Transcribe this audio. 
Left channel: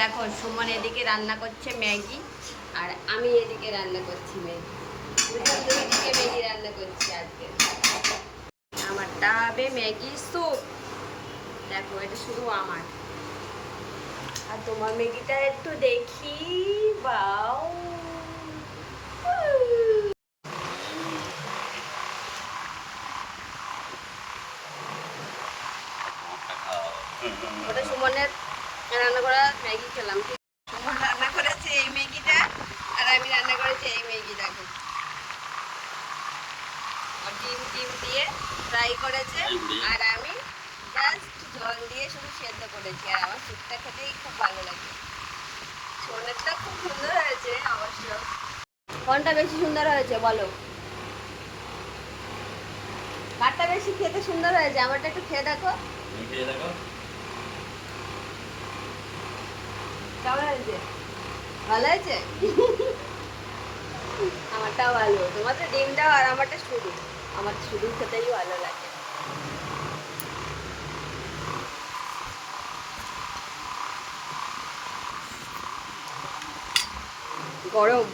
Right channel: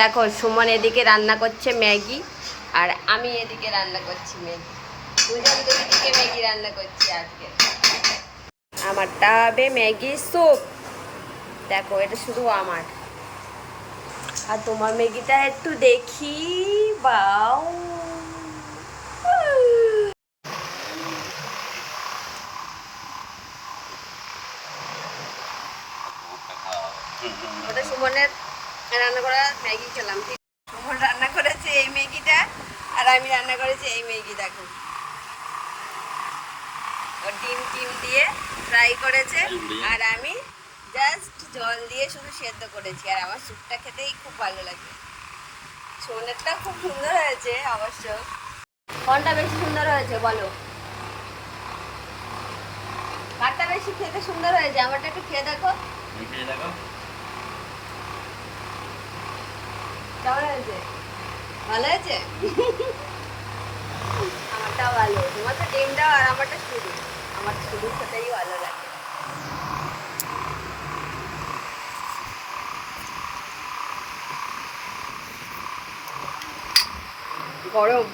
দেখো সুমন এদিকে রান্না করছে ম্যাগি আর আমি এদিকে রান্না করছি ম্যাগি। দুজন দুদিকে ম্যাগি রান্না করছি আজকে। আমারটা হবে ম্যাগি স্যুপ। দেখো এটা শুধু আমার, আর তোমার ম্যাগিটা একটু দেখি। বাও, ওটা সুমনের রান্না করা ম্যাগি খেলাম। সুমন রান্না করেছে এই ম্যাগিটা আর আমি রান্না করেছি এই ম্যাগি। দেখো ও ডিম টিম দিয়ে ফ্রাই করেছে আর আমি জাস্ট জল দিয়ে শুধু সেদ্ধ করেছি। আর আমার স্যুপটা খেতেই খুব ভালো লাগে। সোনেরটা খুব সুন্দর হয়েছে অবশ্য। কোনটা বেশি সুন্দর হয়েছে বলো? কারটা বেশি খেতে সুন্দর হয়েছে? আমারটা একটু খেয়ে দেখো। কেমন হয়েছে? ভালো হয়েছে? আমারটাও ভালো। তোমার তো ডিমটাও আর আমারটা শুধু, আমার শুধু খেতেই ভালো লাগে। গরম।